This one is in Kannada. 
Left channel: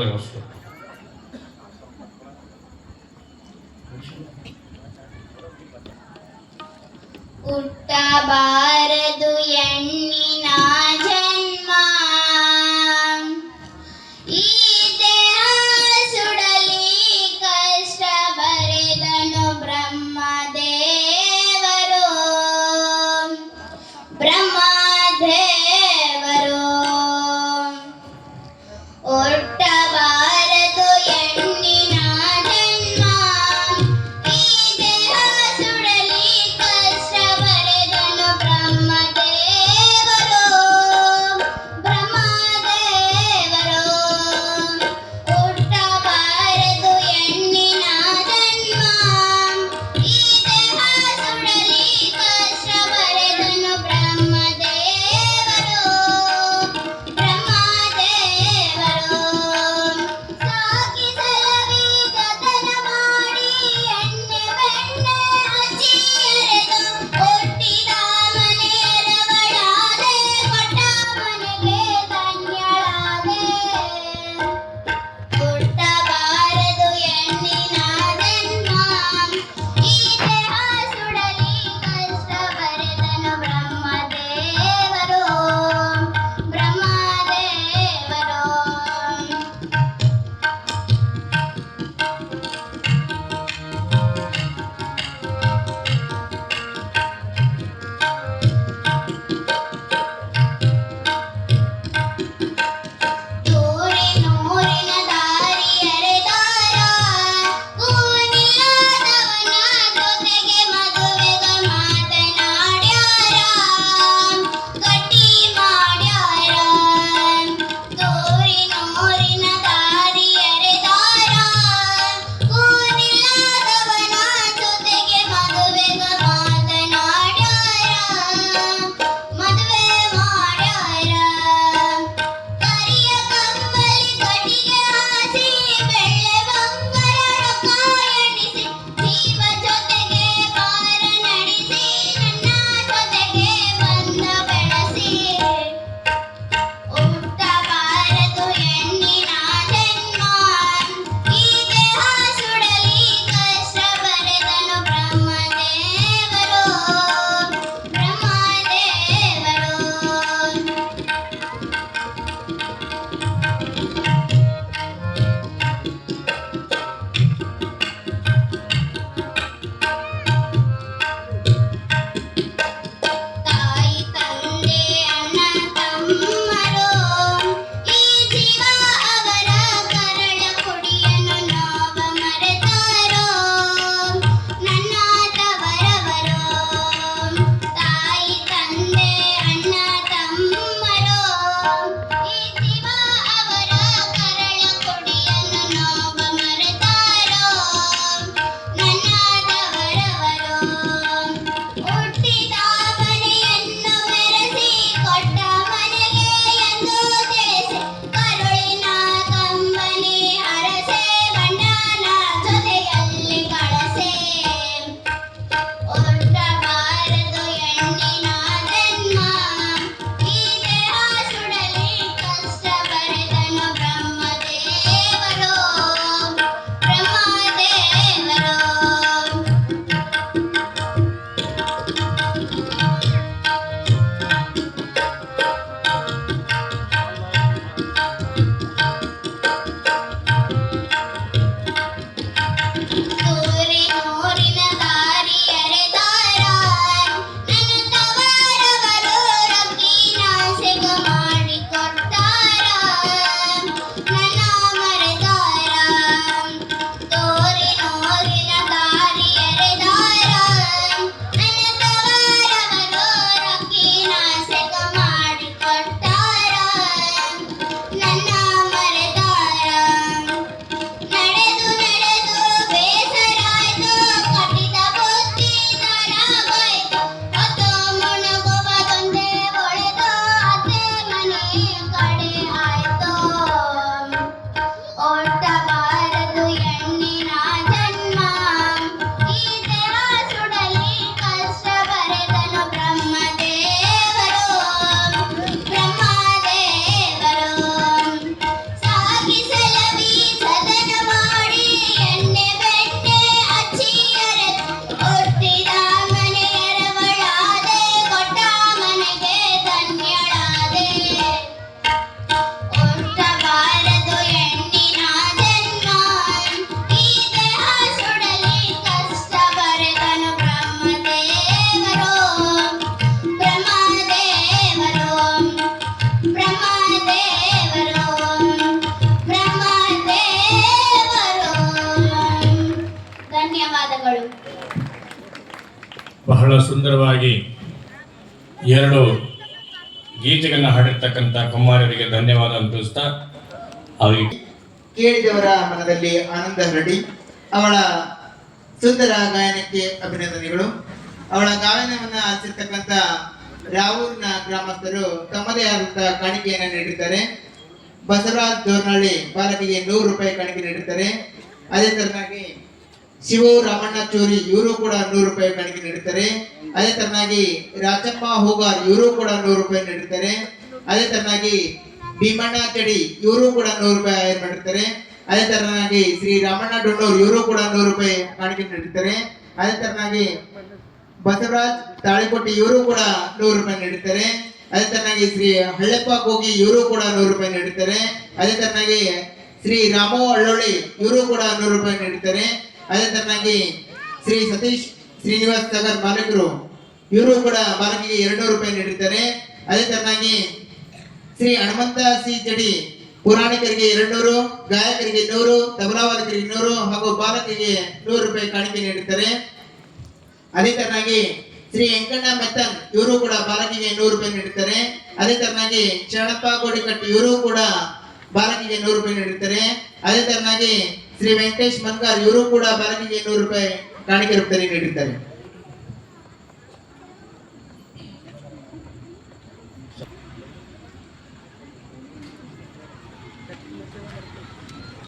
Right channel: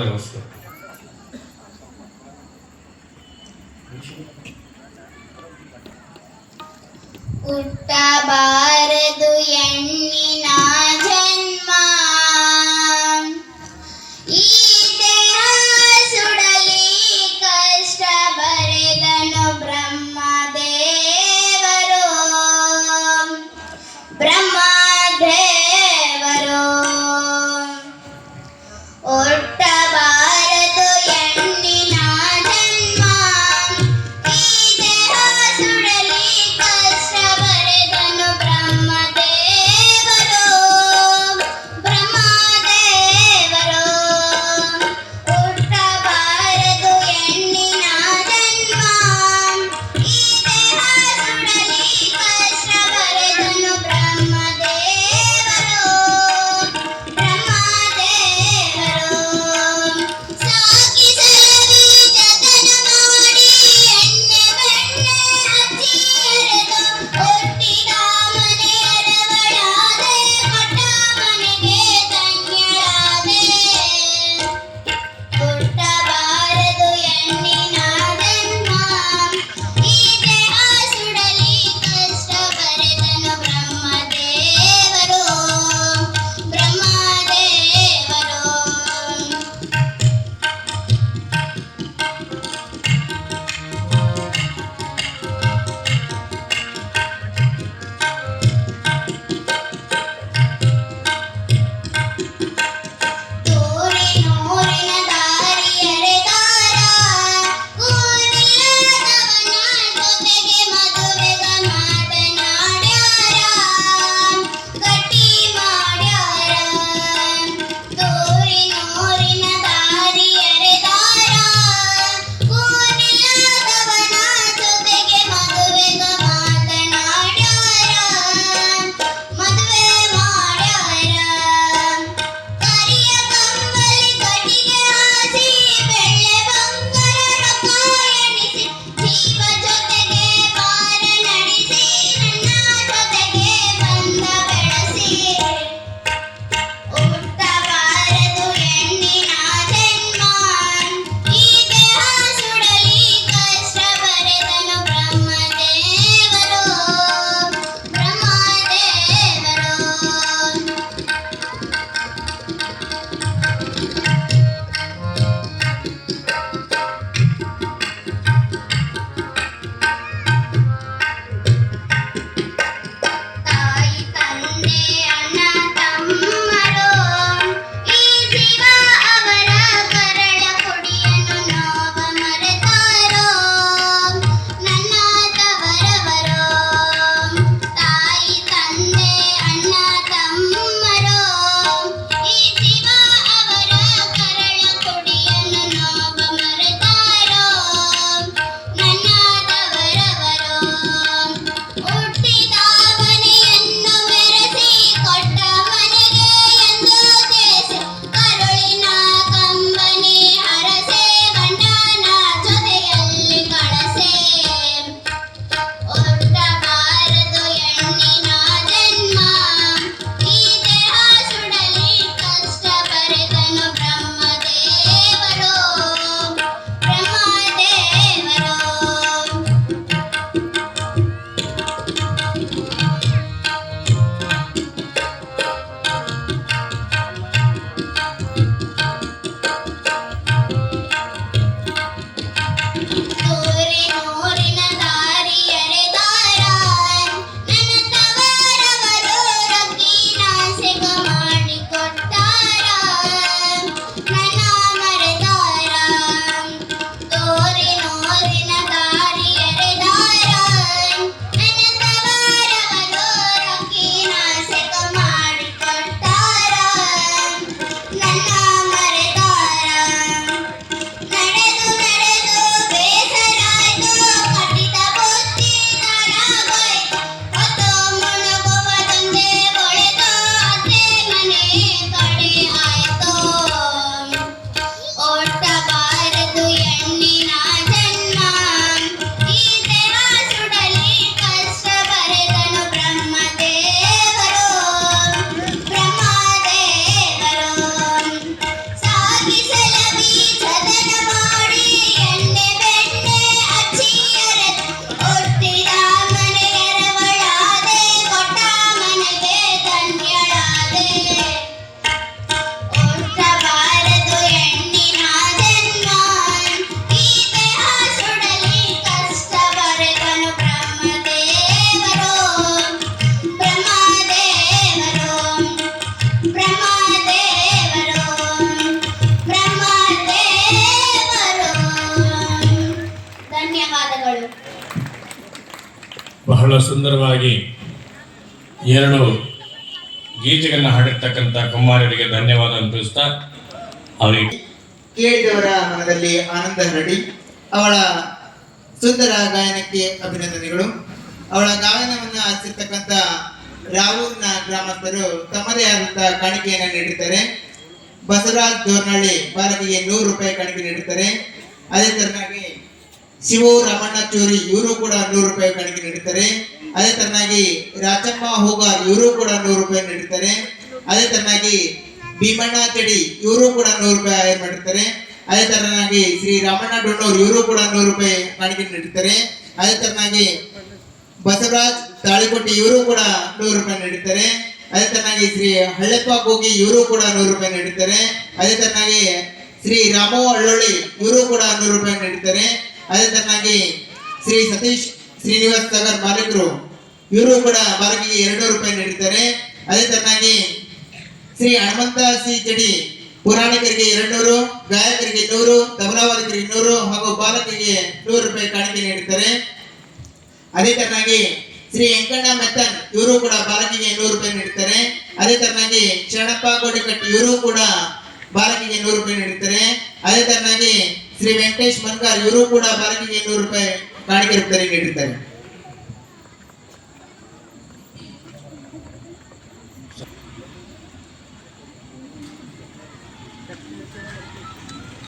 ವ್ಯವಸ್ಥೆ ಹುಟ್ಟಬಾರದು ಹೆಣ್ಣಿನ ಜನ್ಮ, ಈ ದೇಹ ಸುಡಲಿ ಕಷ್ಟ ಬರೆದನು ಬ್ರಹ್ಮದೇವರು. ಹುಟ್ಟಬಾರದು ಹೆಣ್ಣಿನ ಜನ್ಮ, ಈ ದೇಹ ಸುಡಲಿ ಕಷ್ಟ ಬರೆದನು ಬ್ರಹ್ಮದೇವರು. ಬಹಳ ಸುಂದರವಾಗಿ ಎರಡು ಗೀತೆಗಳನ್ನು ಹಾಡಿರ್ತಕ್ಕಂಥ ಕುಮಾರರಿಗೆ ಧನ್ಯವಾದವನ್ನು ತಿಳಿಸ್ತಾ ಅವರಿಗೆ ಕೇಳಿದವರ ಮನದಲ್ಲಿ ಆನಂದ ಹರಡಿ ಅವಳ ಸುಂದರ ಗಾಯನಕ್ಕೆ ಅಭಿನಂದನೆಗಳು. ಅವಳ ಗಾಯನವನ್ನು ಆಲಿಸಿರ್ತಕ್ಕಂಥ ರಾವೂರಿನ ಗ್ರಾಮಸ್ಥರು ತಮ್ಮದೇ ಆದಂತಹ ಕಾಣಿಕೆಯನ್ನು ನೀಡಿದ್ದಾರೆ. ಬಸವರಾಜ್ ದೋರ್ನಹಳ್ಳಿ ಬಾಲಕಿಗೆ 100 ರೂಪಾಯಿ ಕಾಣಿಕೆ ನೀಡುತ್ತಾರೆ. ಅದೇ ತರನಾಗಿ ಶಿವು ರಾಮಣ್ಣ ಚೂರಿ ಇವರು ಕೂಡ 100 ರೂಪಾಯಿ ಕಾಣಿಕೆ ನೀಡುತ್ತಾರೆ. ಅದೇ ತರನಾಗಿ ರಾಚಮ್ಮ ಹೂಗಾರ್ ಇವರು ಕೂಡ 100 ರೂಪಾಯಿ ನೀಡುತ್ತಾರೆ. ಅದೇ ತರನಾಗಿ ಭೀಮಣ್ಣ ಚಡಿ ಇವರು ಕೂಡ 100 ರೂಪಾಯಿ ಆಯರ್ ಮಾಡಿರ್ತಾರೆ. ಅದೇ ತರನಾಗಿ ಶ್ರೀ ರಾಮಣ್ಣ ಡೊಣ್ಣೂರ್ ಇವರು ಕೂಡ 100 ರೂಪಾಯಿ ಕಾಣಿಕೆ ನೀಡುತ್ತಾರೆ. ಅದೇ ತರನಾಗಿ ಬಸವರಾಜ್ ತಾಳಿಕೊಟ್ಟಿ ಇವರು ಕೂಡ 100 ರೂಪಾಯಿ ನೀಡುತ್ತಾರೆ. ಅದೇ ತರನಾಗಿ ಶ್ರೀ ಹಳ್ಳೆಪ್ಪ ಗೋಗಿ ಇವರು ಕೂಡ 100 ರೂಪಾಯಿ ನೀಡುತ್ತಾರೆ. ಅದೇ ತರನಾಗಿ ಶ್ರೀ ರಾಮು ಅಳ್ಳೊಳ್ಳಿ ಇವರು ಕೂಡ 100 ರೂಪಾಯಿ ನೀಡುತ್ತಾರೆ. ಅದೇ ತರನಾಗಿ ಶ್ರೀ ಸತೀಶ್ ಶ್ರೀನಿವಾಸ್ ಸಾಗರ್ ಮಾಲೀಕರು ಇವರು ಕೂಡ ಬಾಲಕಿಗೆ 200 ರೂಪಾಯಿ ನೀಡುತ್ತಾರೆ. ಅದೇ ತರನಾಗಿ ಶ್ರೀ ಹನುಮಂತ ಸಿ ಜಡಿ ಪುರಾಣಿಕರಿಗೆ 200, ಗಾಯಕರಿಗೆ 100, ತಬಲಾವಾದಕರಿಗೆ 200 ಹಾಗೂ ಬಾಲಕಿಗೆ 100 ರೂಪಾಯಿ ಕಾಣಿಕೆ ನೀಡುತ್ತಾರೆ. ಅದೇ ತರನಾಗಿ ಶ್ರೀ ವೆಂಕಣ್ಣ ಮೆತ್ತನ್ ಇವರು ಕೂಡ ಬಾಲಕಿಗೆ 100 ರೂಪಾಯಿ ನೀಡುತ್ತಾರೆ. ಅದೇ ತರನಾಗಿ ಶರಣಪ್ಪ ಗೋಡಿಕಟ್ಟಿ ಇವರು ಕೂಡ ಬಾಲಕಿಗೆ 100 ರೂಪಾಯಿ ನೀಡುತ್ತಾರೆ. ಅದೇ ತರನಾಗಿ ಶ್ರೀ ವೆಂಕಟೇಶ್ ಮನ್ಗಾರ್ ಇವರು ಕೂಡ ಬಾಲಕಿಗೆ 100 ರೂಪಾಯಿ ಕಾಣಿಕೆ ರೂಪದಲ್ಲಿ ನೀಡುತ್ತಾರೆ.